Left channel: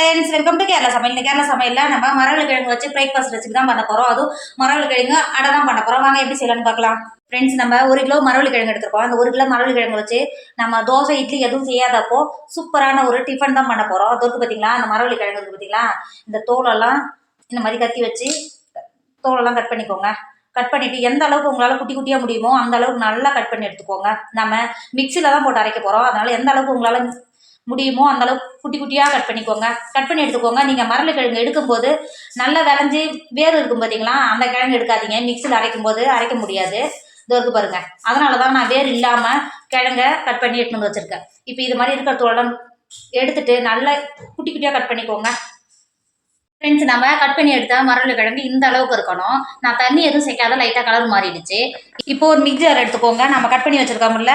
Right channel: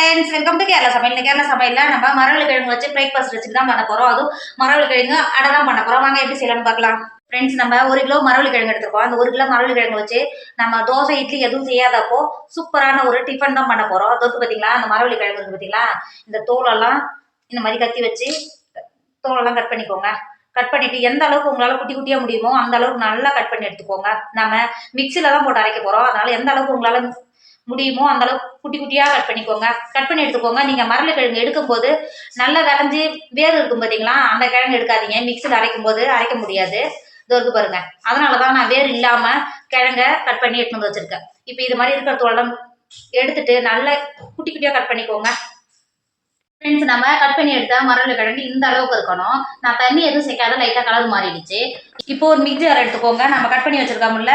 Friends, welcome to Kerala சமையல். இந்த கேரளா சமையல்ல நம்ம மரவள்ளிக்கிழங்கு வச்சு பிரேக்ஃபாஸ்ட் வச்சு தான் பண்ண போறோம். அதுவும் மரவள்ளிக்கிழங்கு அடை தான் பண்ண போறோம். வாங்க எப்படி செய்யலாம்னு பார்க்கலாம். ஃப்ரெண்ட்ஸ், நம்ம 1 கிலோ மரவள்ளிக்கிழங்கு எடுத்துருக்கோம். அந்த 1 கிலோ மரவள்ளிக்கிழங்கு வச்சு நம்ம தோசை, இட்லி எதுவும் செய்யாதப்போ சூப்பரான ஒரு டிஃபன் தான் பண்ண போறோம். அதற்கு பார்த்தீங்களா, அந்த மரவள்ளிக்கிழங்கு இருக்கு பார்த்தீங்களா, இந்த தோலெல்லாம் இந்த மாதிரி கத்தி வச்சு தோலெல்லாம் கட் பண்ணிக்கோங்க. கட் பண்ணிட்டு எந்த அளவுக்கு உங்களால் குட்டி குட்டியாக முடியுமோ அந்த அளவுக்கு நல்லா கட் பண்ணி எடுத்துக்கோங்க. நம்ம மிக்சியில் தான் போட்டு அரைக்க போகிறோம். அதனால எந்த அளவுக்கு உங்களால் முடியுமோ அந்த அளவுக்கு குட்டி குட்டியாக கட் பண்ணிக்கோங்க. கட் பண்ணி எடுத்துக்கோங்க. நீங்கள் மரவள்ளிக்கிழங்கு எடுக்கும்போது நல்லா விளைஞ்சி வேறு இருக்கும் பார்த்தீங்களா, அந்த கிழங்கு எடுக்காதீங்க. மிக்சியில் அரைக்கும் போது அரைக்க முடியாது. இது பாருங்க, அதனால தான் நான் வேறு இல்லாமல் கிழங்க கட் பண்ணி எடுத்துன்னு வந்து வச்சுருக்கேன். இப்போ இது மாதிரி இருக்கிறதோட எடுத்துட்டு நல்லா குட்டி குட்டியாக கட் பண்ணிக்கோங்க. ஃப்ரெண்ட்ஸ், நம்ம கட் பண்ணி எடுத்த மரவள்ளிக்கிழங்கு இந்த அளவுக்கு இருக்கணும். நான் தண்ணி எதுவும் சேர்க்காத லைட்டாக கலர் மாறிடுச்சு. இப்போ ஒரு மிக்ஸி ஜார் எடுத்துக்கோங்க. நம்ம கட் பண்ணி வச்சுருக்கோம்ல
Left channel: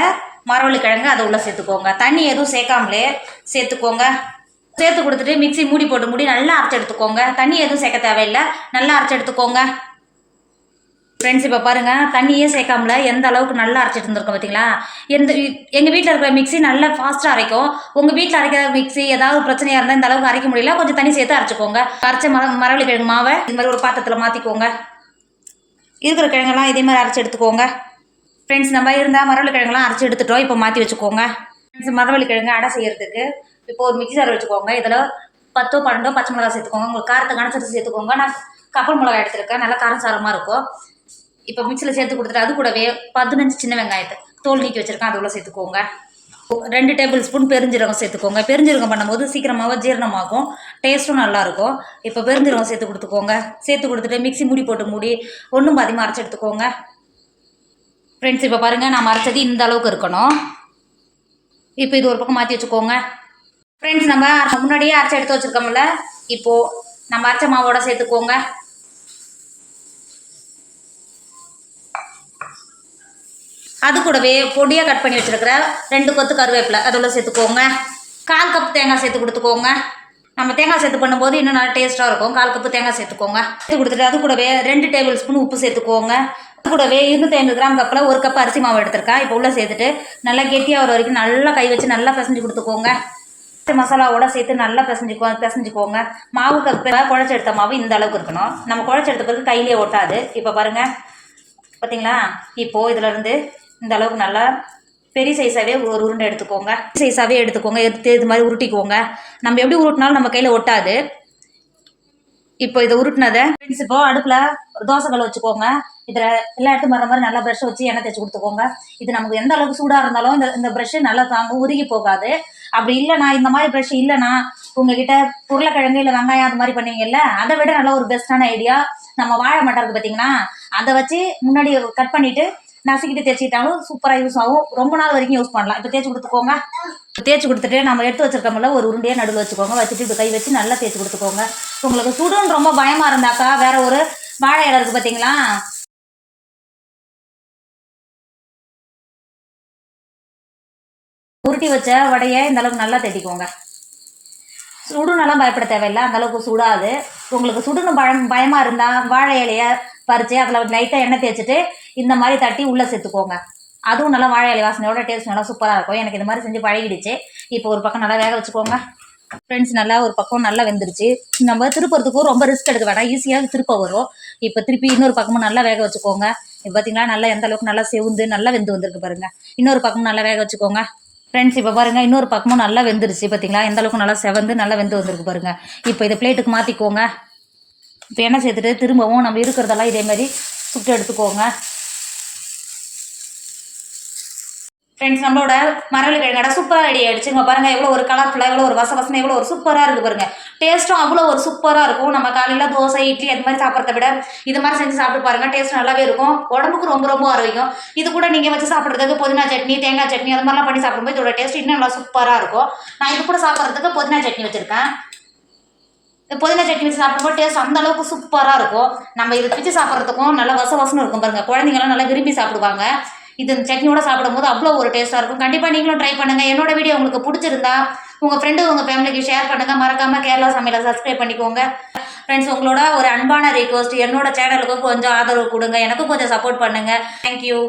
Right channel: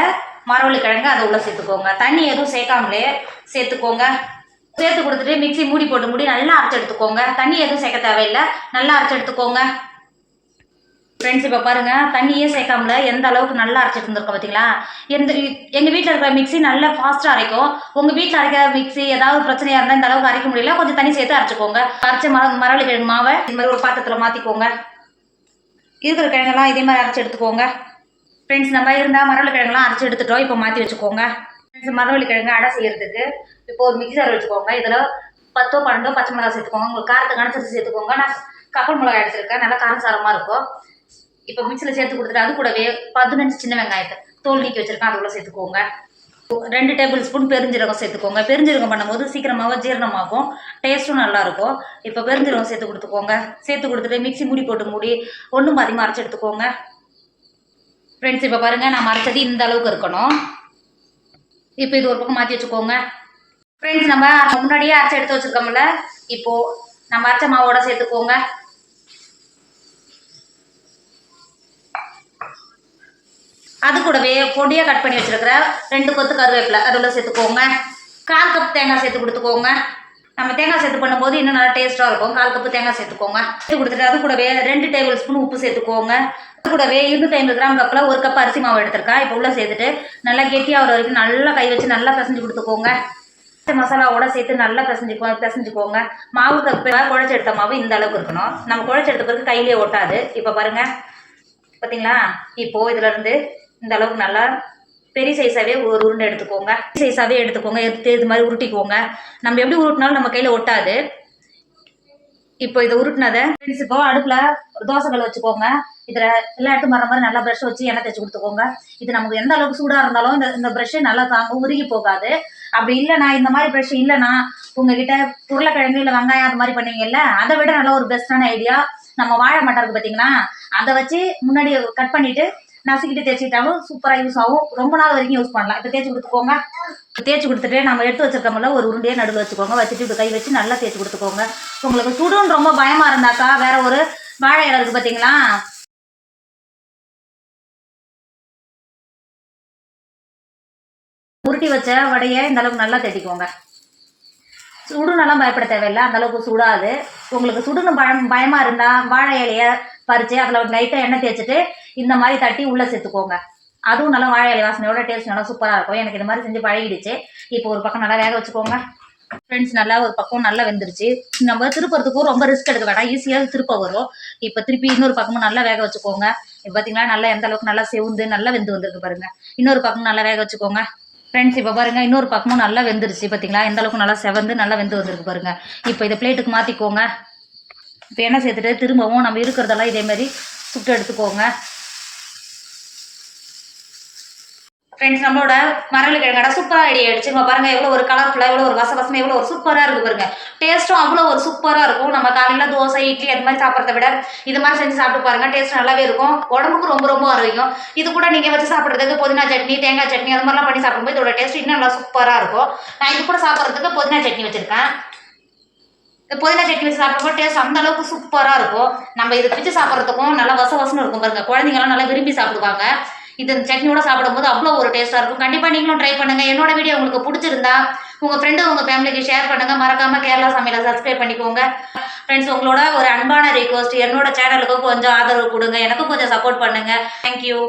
மரவள்ளிக்கிழங்கு, அதை உள்ள சேர்த்துக்கோங்க. தண்ணி எதுவும் சேர்க்காமலே சேர்த்துக்கோங்க. சேர்த்து கொடுத்துட்டு மிக்ஸி மூடி போட்டு மூடி நல்லா அரைச்சி எடுத்துக்கோங்க. தண்ணி எதுவும் சேர்க்க தேவையில்லை, நல்லா அரைச்சி எடுத்துக்கோங்க. ஃப்ரெண்ட்ஸ், இப்போ பாருங்கள், தண்ணியே சேர்க்காமல எந்த அளவுக்கு நல்லா அரைச்சிட்டு இருந்திருக்கோம் பார்த்தீங்களா. எங்கள் வீட்டில் இருக்கிற மிக்ஸி நல்லா ஃபாஸ்ட்டாக அரைக்கும். உங்கள் வீட்டில் அரைக்கிற மிக்ஸி ஏதாவது பிரச்சனையாக இருந்தால் இந்த அளவுக்கு அரைக்க முடியல, கொஞ்சம் தண்ணி சேர்த்து அரைச்சிக்கோங்க. அரைச்ச மரவள்ளிக்கிழங்கு மாவை இது மாதிரி ஒரு பாத்திரத்தில் மாற்றிக்கோங்க. இருக்கிற கிழங்கெல்லாம் இதே மாதிரி அரைச்சி எடுத்துக்கோங்க. ஃப்ரெண்ட்ஸ், நம்ம இருந்தால் மரவள்ளிக்கிழங்குலாம் அரைச்சி எடுத்துட்டோம். இப்போ மாற்றி வச்சுக்கோங்க. ஃப்ரெண்ட்ஸ், மரவள்ளிக்கிழங்கு அடை செய்யறதுக்கு இப்போ ஒரு மிக்ஸி ஜார் வச்சுக்கோங்க. இதில் 10 12 பச்சை மிளகா சேர்த்துக்கோங்க. உங்களுக்கு காரத்தை கணச்சிட்டு சேர்த்துக்கோங்க. நான் கப்பல் மிளகா எடுத்துருக்கேன், நல்லா காரசாரமாக இருக்கும். இப்போ மிக்சியில் சேர்த்து கொடுத்துட்டு அது கூடவே 15 சின்ன வெங்காயத்தை தோல் நீக்கி வச்சுருக்கேன், அது உள்ள சேர்த்துக்கோங்க. 2 டேபிள் ஸ்பூன் பெருஞ்சீரகம் சேர்த்துக்கோங்க. பெருஞ்சீரகம் பண்ணும்போது சீக்கிரமாக ஜீரணமாகும், டேஸ்ட்டும் நல்லாயிருக்கும். இப்போ பெருஞ்சீரகம் சேர்த்து கொடுத்துக்கோங்க. சேர்த்து கொடுத்துட்டு மிக்ஸி மூடி போட்டு மூடி ஒன்றும் பாதியமாக அரைச்சி எடுத்துக்கோங்க. ஃப்ரெண்ட்ஸ், இப்போ பாருங்கள், நான் அரைச்சது இந்த அளவுக்கு இருக்கணும். இப்போ இது ஒரு பக்கம் மாற்றி வச்சுக்கோங்க. ஃப்ரெண்ட்ஸ், நம்ம முன்னாடியே அரைச்சி எடுத்து வச்சுருக்கோம்ல, இப்போது நம்ம அரைச்ச மாவோட சேர்த்துக்கோங்க. அது கூடவே பொடியாக கட் பண்ணி வச்சுருக்கிற 2 கொத்து கருவேப்பிலை அதில் சேர்த்துக்கோங்க. 1/4 கப் தேங்காய் சேர்த்து கொடுத்துக்கோங்க. நம்ம தேங்காய் சேர்த்து பண்ணும்போது இன்னும் நல்லா டேஸ்ட்டாக இருக்கும். 1/4 கப்பு தேங்காய் சேர்த்துக்கோங்க. சேர்த்து கொடுத்துட்டு அது கூடவே 2 டேபிள் ஸ்பூன் உப்பு சேர்த்துக்கோங்க. அது கூடவே 250 கிராம் கப்பில் 1 கப் அரிசி மாவு எடுத்துருக்கேன். இப்போ உள்ளே சேர்த்துட்டு நல்லா கெட்டியாக வர வரைக்கும் நல்லா கை வச்சு நல்லா பிசைஞ்சு கொடுத்துக்கோங்க. மசாலாவோட சேர்த்து நல்லா பிசைஞ்சுக்கோங்க. மாவு குழச்சி எடுத்த மாவு இந்த அளவுக்கு இருக்கணும். நம்ம குழச்சி எடுத்த பிறகு கையிலே ஒட்டாது. இப்போ பாருங்கள், பார்த்தீங்களா. இப்போது இதிலேருந்து இந்த அளவுக்கு நல்லா பெரிய சைஸாகவே ஒரு உருண்டை எடுத்துக்கோங்க. சைஸாகவே எடுத்துக்கோங்க. எடுத்து இது மாதிரி உருட்டிக்கோங்க. நம்ம எப்படி உருட்டினாலும் நம்ம கையில் ஒட்டாது. இப்போ இதை உருட்டினதை ஃப்ரெண்ட்ஸ், இப்போ அடுப்பில் தோசைகள் வச்சுக்கோங்க. இதில் எல்லா இடத்தும் வர மாதிரி நல்லா ப்ரஷ் வச்சு எண்ணெய் தேய்ச்சி கொடுத்துக்கோங்க. இது நமக்கு எந்த அளவுக்கு சூடாக இருந்தாலும் இந்த ப்ரஷ்ஷு நல்லா தாங்க, உருகி போகாது. அப்படி இல்லைனா, இந்த மாதிரி ப்ரஷ் இல்லைனா உங்ககிட்ட உருளைக்கிழங்கு இல்லை வெங்காயம் அது மாதிரி பண்ணுவீங்கல்ல, அதை விட நல்ல ஒரு பெஸ்ட்டான ஐடியா நம்ம வாழை மட்டை இருக்குது பார்த்தீங்கன்னா, அதை வச்சு முன்னாடி கட் பண்ணிவிட்டு நசுக்கிட்டு தேய்ச்சிக்கிட்டாலும் சூப்பராக யூஸ் ஆகும். ரொம்ப நாள் வரைக்கும் யூஸ் பண்ணலாம். இப்போ தேய்ச்சி கொடுத்துக்கோங்க. தேய்ச்சி கொடுத்துட்டு நம்ம எடுத்து வச்சிருக்கோம்ல ஒரு உருண்டையாக நடுவில் வச்சுக்கோங்க. வச்சுட்டு இப்போ கை வச்சு நல்லா தேய்ச்சி கொடுத்துக்கோங்க. உங்களுக்கு சுடுன்னு ரொம்ப பயமாக இருந்தாக்கா வேற ஒரு வாழை இலை இருக்குது பார்த்தீங்களா, உருட்டி வச்ச வடையை இந்த அளவுக்கு நல்லா தேடிக்கோங்க. சுடுனெல்லாம் பயப்பட தேவையில்லை, அந்தளவுக்கு சுடாது. உங்களுக்கு சுடுன்னு பயமாக இருந்தால் வாழை இலையை பறித்து அதில் லைட்டாக எண்ணெய் தேய்ச்சிட்டு இந்த மாதிரி தட்டி உள்ளே சேர்த்துக்கோங்க. அதுவும் நல்லா வாழை இலை வாசனையோட டேஸ்ட் நல்லா சூப்பராக இருக்கும். எனக்கு இந்த மாதிரி செஞ்சு பழகிடுச்சு. இப்போ ஒரு பக்கம் நல்லா வேக வச்சுக்கோங்க. ஃப்ரெண்ட்ஸ், நல்லா ஒரு பக்கம் நல்லா வெந்துருச்சு. நம்ம திருப்பறதுக்கும் ரொம்ப ரிஸ்க் எடுக்க வேண்டாம், ஈஸியாக திருப்ப வரும். இப்போ திருப்பி இன்னொரு பக்கமும் நல்லா வேக வச்சுக்கோங்க. இப்போ பார்த்தீங்களா, நல்லா எந்த அளவுக்கு நல்லா செவுந்து நல்லா வெந்து வந்திருக்கு பாருங்கள். இன்னொரு பக்கமும் நல்லா வேக வச்சுக்கோங்க. ஃப்ரெண்ட்ஸ், இப்போ பாருங்கள், இன்னொரு பக்கமும் நல்லா வெந்துருச்சு. பார்த்தீங்களா, எந்த அளவுக்கு நல்லா செவந்து நல்லா வெந்து வந்திருக்கு பாருங்கள். இப்போ இதை பிளேட்டுக்கு மாற்றிக்கோங்க. இப்போ எண்ணெய் சேர்த்துட்டு திரும்பவும் நம்ம இருக்கிறதெல்லாம் இதேமாதிரி சுட்டு எடுத்துக்கோங்க. ஃப்ரெண்ட்ஸ், நம்மளோட மரவள்ளிக்கிழங்கு அடை சூப்பராக ரெடி ஆகிடுச்சு. நம்ம பாருங்கள், எவ்வளோ ஒரு கலர்ஃபுல்லாக, எவ்வளோ ஒரு வசவசமாக, எவ்வளோ ஒரு சூப்பராக இருக்குது பாருங்கள். டேஸ்ட்டும் அவ்வளோ ஒரு சூப்பராக இருக்கும். நம்ம காலையில் தோசை, இட்லி அது மாதிரி சாப்பிட்றத விட இது மாதிரி செஞ்சு சாப்பிட்டு பாருங்கள். டேஸ்ட் நல்லாவே இருக்கும். உடம்புக்கு ரொம்ப ரொம்ப ஆரோக்கியம். இது கூட நீங்கள் வச்சு சாப்பிட்றதுக்கு புதினா சட்னி, தேங்காய் சட்னி அது மாதிரிலாம் பண்ணி சாப்பிடும்போது இதோட டேஸ்ட் இன்னும் நல்லா சூப்பராக இருக்கும். நான் இது கூட சாப்பிட்றதுக்கு புதினா சட்னி வச்சுருக்கேன். புதினா சட்னி வச்சு சாப்பிடும்போது டேஸ்ட் அந்த அளவுக்கு சூப்பராக இருக்கும். நம்ம இது பிச்சு சாப்பிட்றதுக்கும் நல்லா வசவசன்னு இருக்கும் பாருங்கள். குழந்தைங்களாம் நல்லா விரும்பி சாப்பிடுவாங்க. இது சட்னியோட சாப்பிடும்போது அவ்வளோ ஒரு டேஸ்ட்டாக இருக்கும். கண்டிப்பாக நீங்களும் ட்ரை பண்ணுங்கள். என்னோட வீடியோ உங்களுக்கு பிடிச்சிருந்தா உங்கள் ஃப்ரெண்டு உங்கள் ஃபேமிலிக்கு ஷேர் பண்ணுங்கள். மறக்காமல் கேரளா சமையலை சப்ஸ்கிரைப் பண்ணிக்கோங்க. ஃப்ரெண்ட்ஸ், உங்களோட ஒரு அன்பான ரிக்வஸ்ட், என்னோட சேனலுக்கு கொஞ்சம் ஆதரவு கொடுங்க, எனக்கும் கொஞ்சம் சப்போர்ட் பண்ணுங்கள். தேங்க்யூ.